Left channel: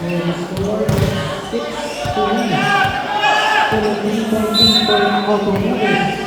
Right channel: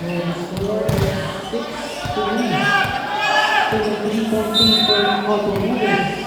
score is 6-3. 17 for Automotive.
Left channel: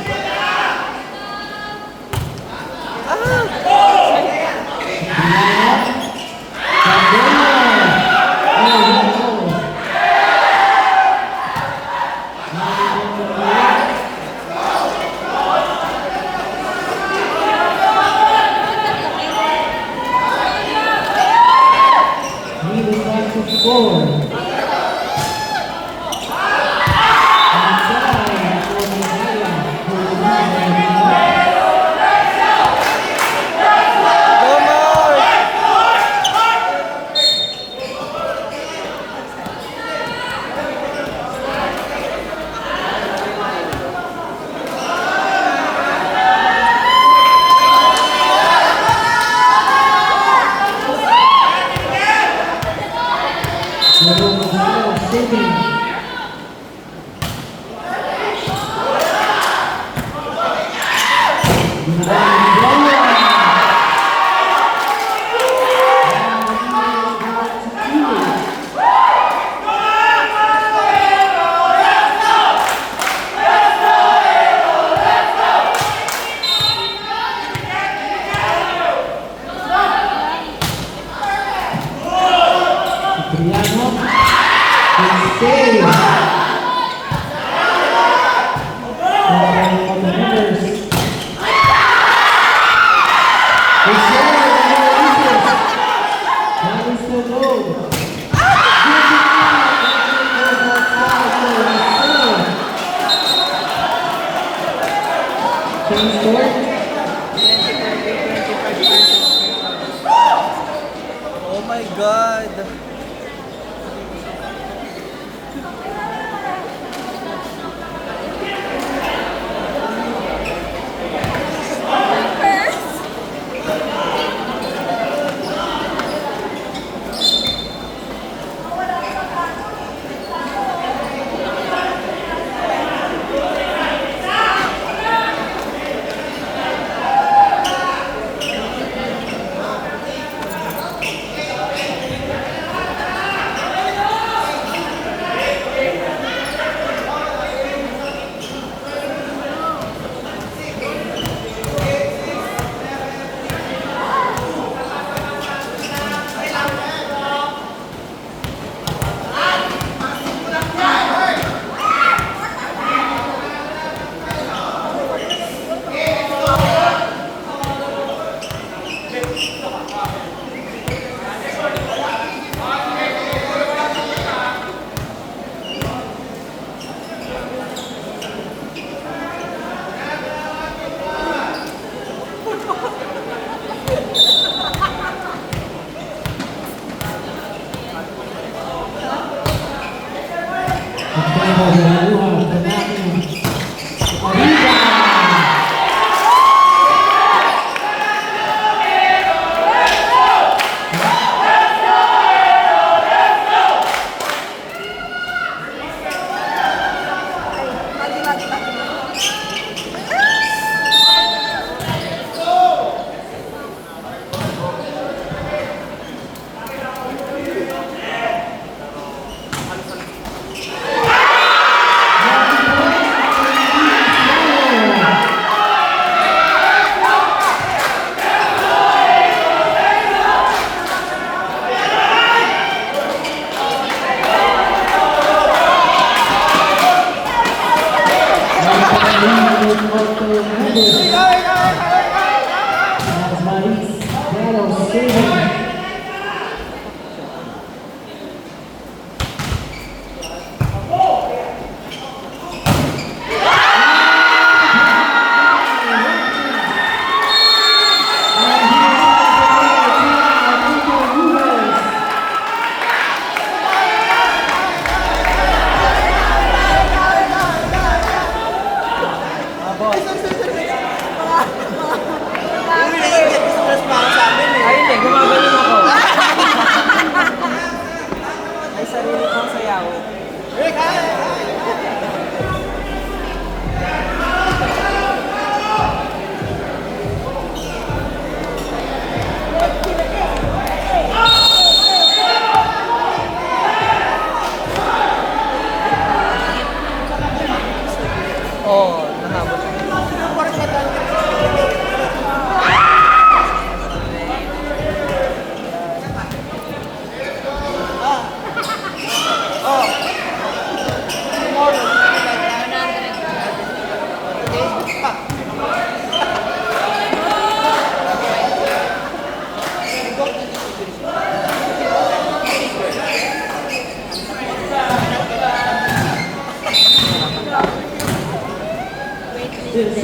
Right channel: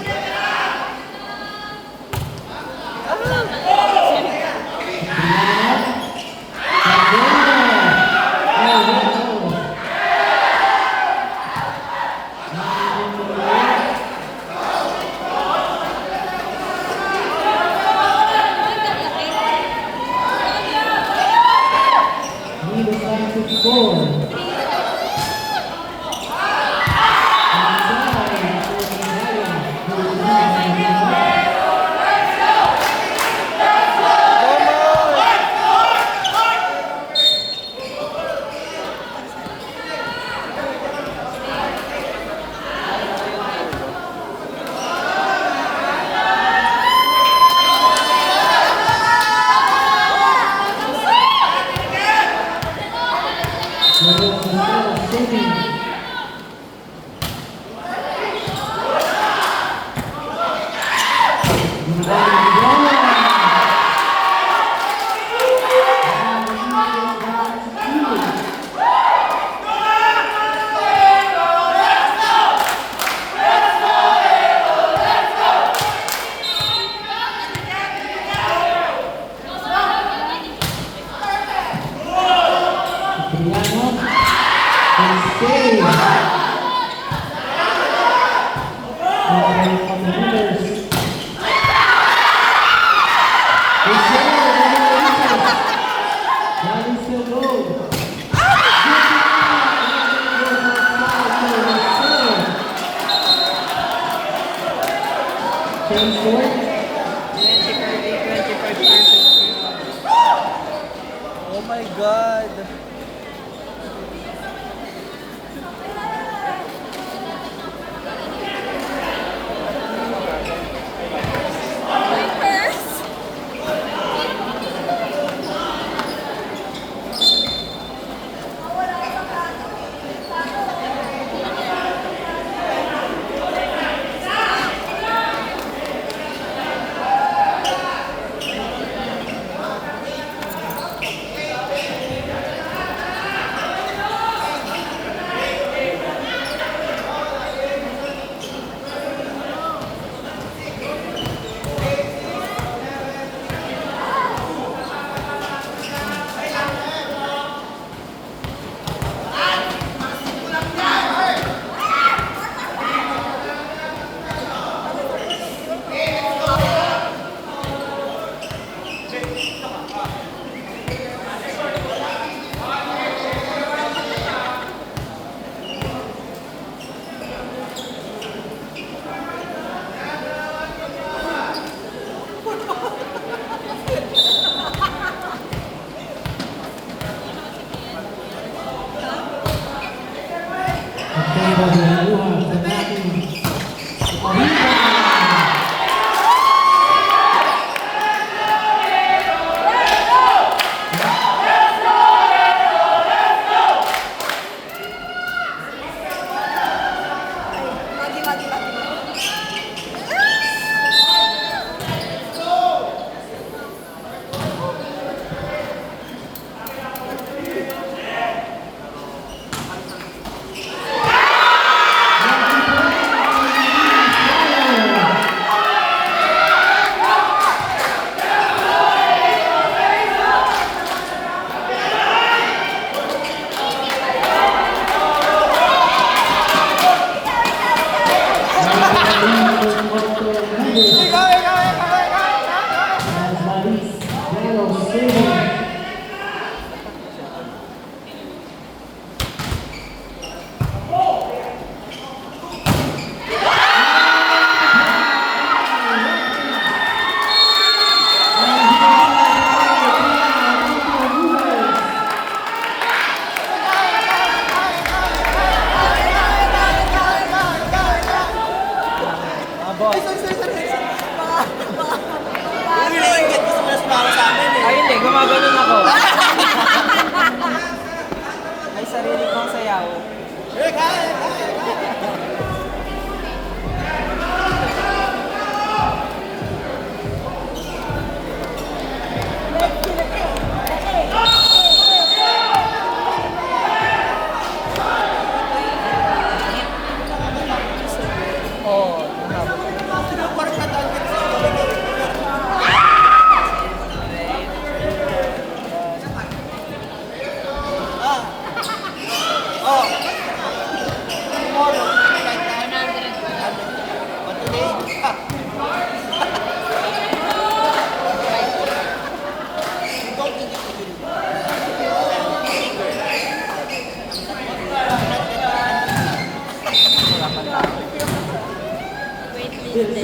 Oh my God!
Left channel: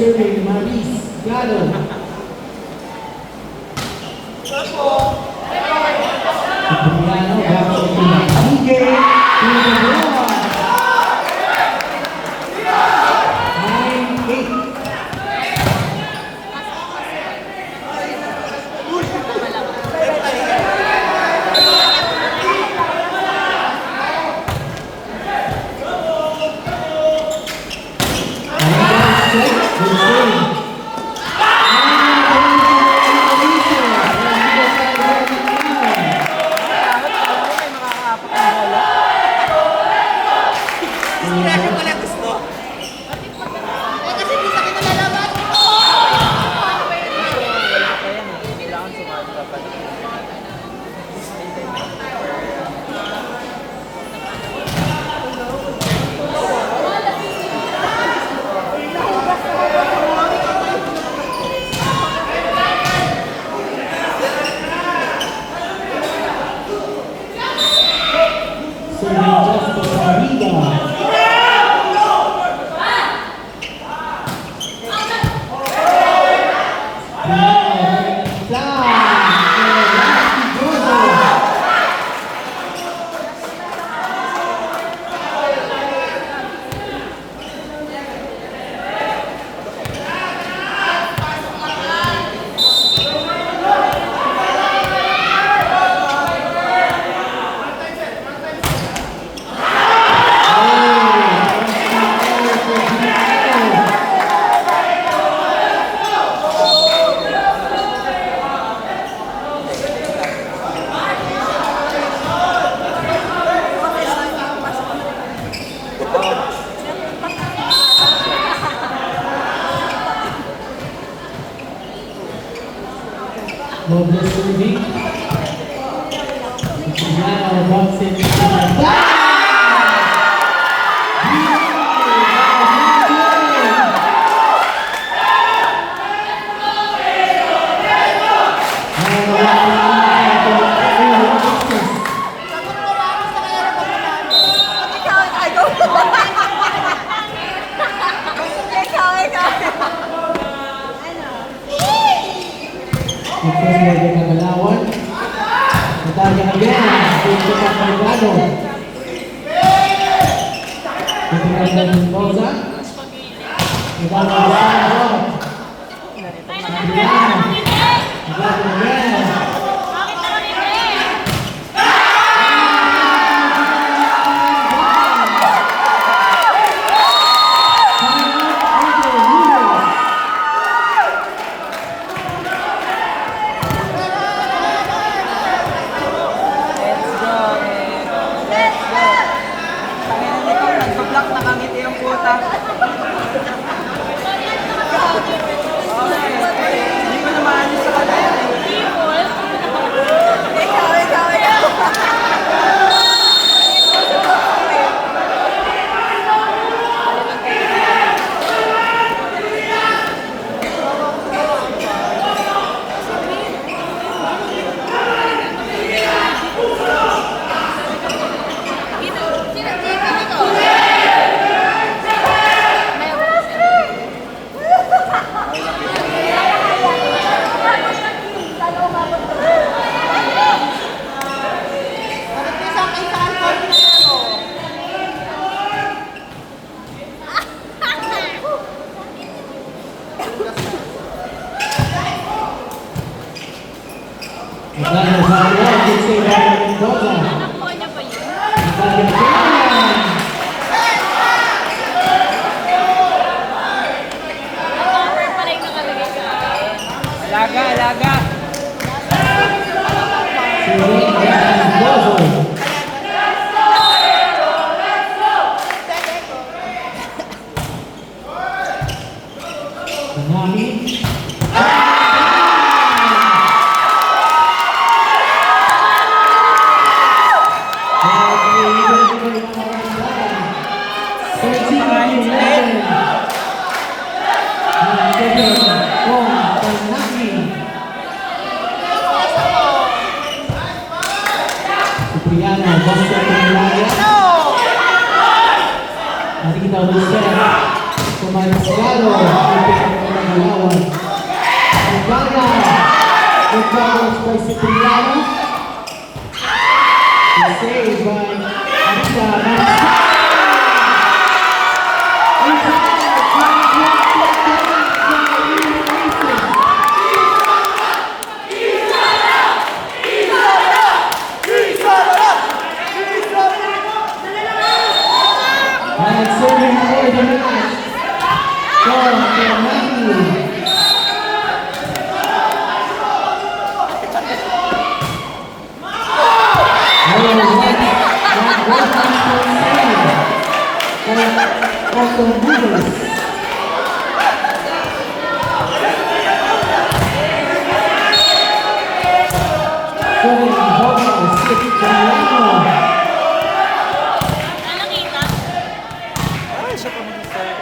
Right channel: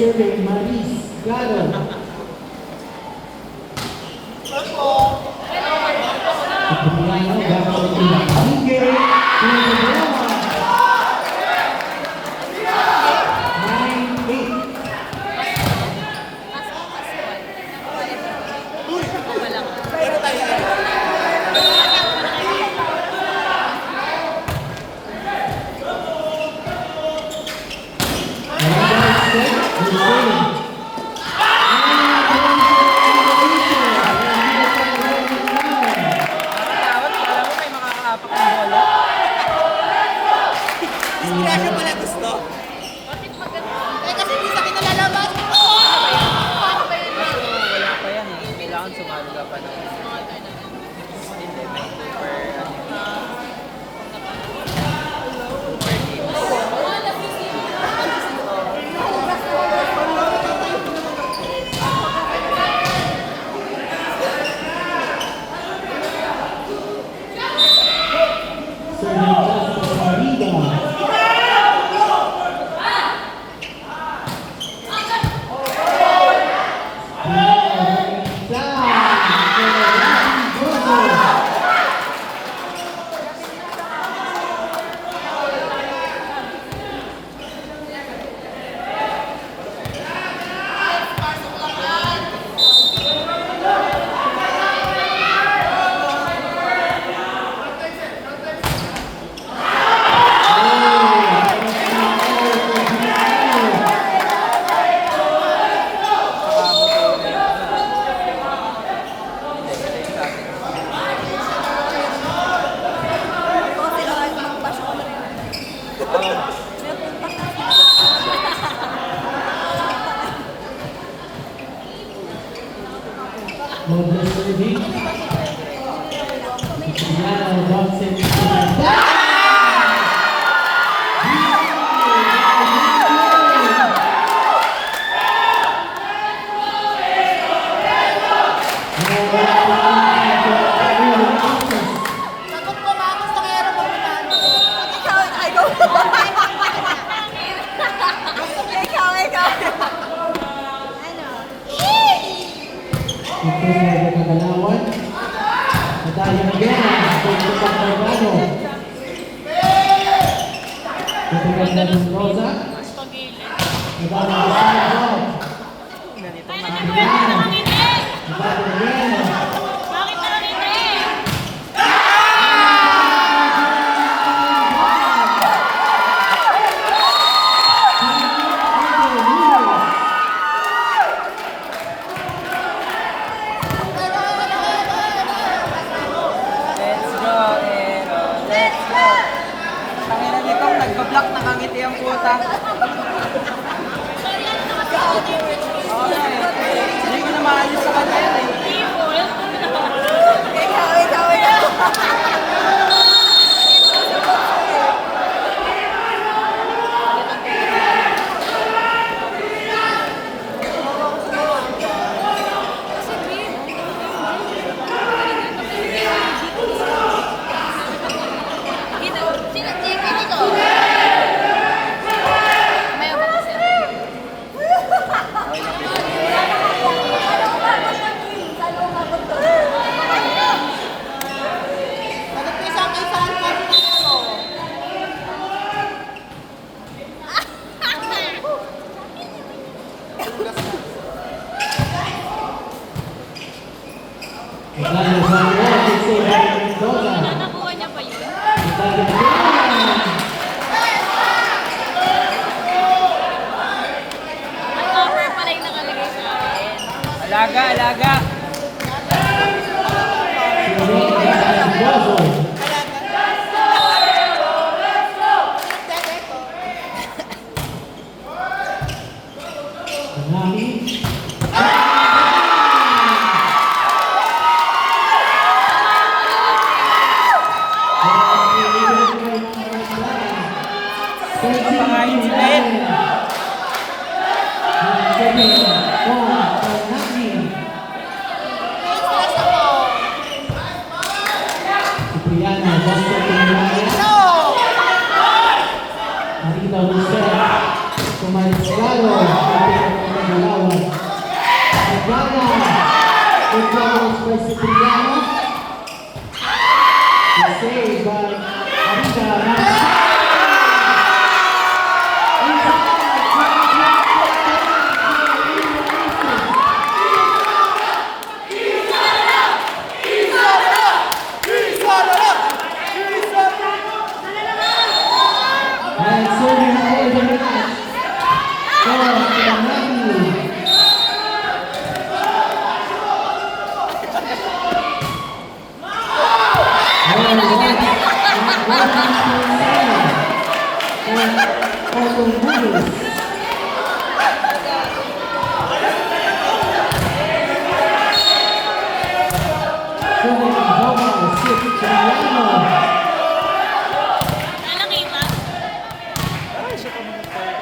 serving Maris Gado. Cipriano back to Miguel to the ball. 9-8. Inspirasyon pala gusto. Eh, kasi di sa kita nalaman. Kailangan sumali ka pala. Serving Justice Arriba. Noble serving. Cipriano box it. Ito sa Kagalawan. Nataya again. Ito sa Carvado. Ito na ng Rosa. Ito na ng Rosa. Adriano. Ito again. Let's go, eh. Let's go. Kaya na nito, nagpa-block nakangiti ang puta. Hindi ko na maalis sa kanila. Agano sa wall. Good save by Mendoza. Nakuha niya pa yun. Nataya again. Counter pala yung nakalagay sa akin. Alaga, alaga. Serving Mendoza. Tanami. Cipriano, basta tumulaya. Nanti kita ulit siya. Sumaysgalo, Pagkakalawan. Magana, good balance by Cipriano. It's saved by Arisa Mansa. And serving for the match. For Matthew. Ay, siya pa mag-start.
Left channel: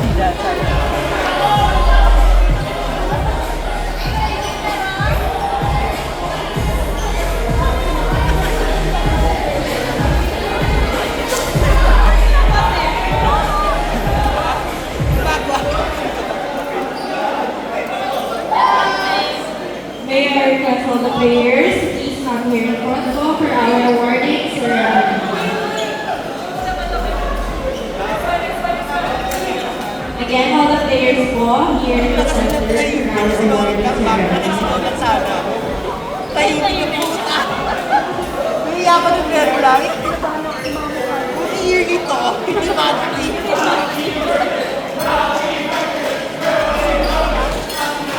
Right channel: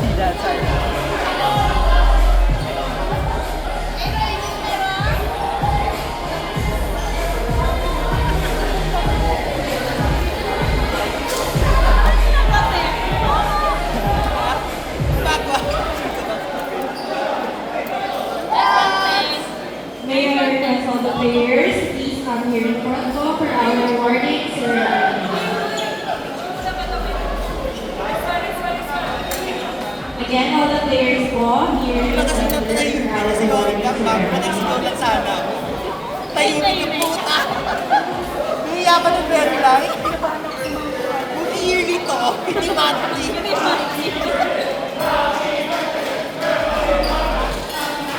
See that side. May I request all the players, please come here in front go for our awarding ceremony. Again, all the players po here in front for our awarding ceremony. Sana. Tahimik yung puta. Nahiya ka ng fair life. Yung yearly to, hindi monthly.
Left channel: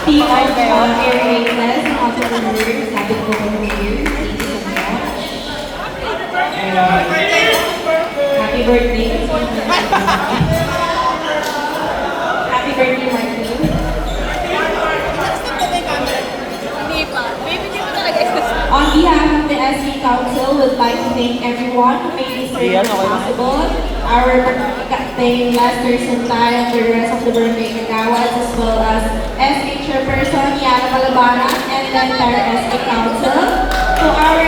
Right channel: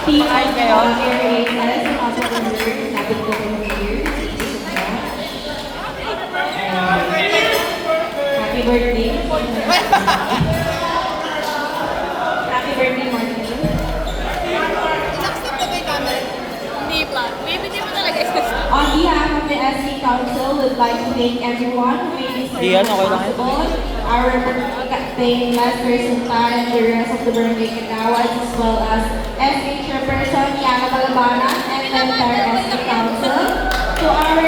Team of Air Aces, also the leaders, happy birthday to you. Thank you so much. Happy birthday. Happy birthday, Martin. Hindi pa. Baby, di mo talaga isa. On behalf of the SC Council, we'd like to thank everyone who made this Iyan, event okay lang. possible. Our thank Lester Suntay and the rest of the birthday Kagawas, as well as SC Chairperson Yana Talabana and the entire SC Council. To our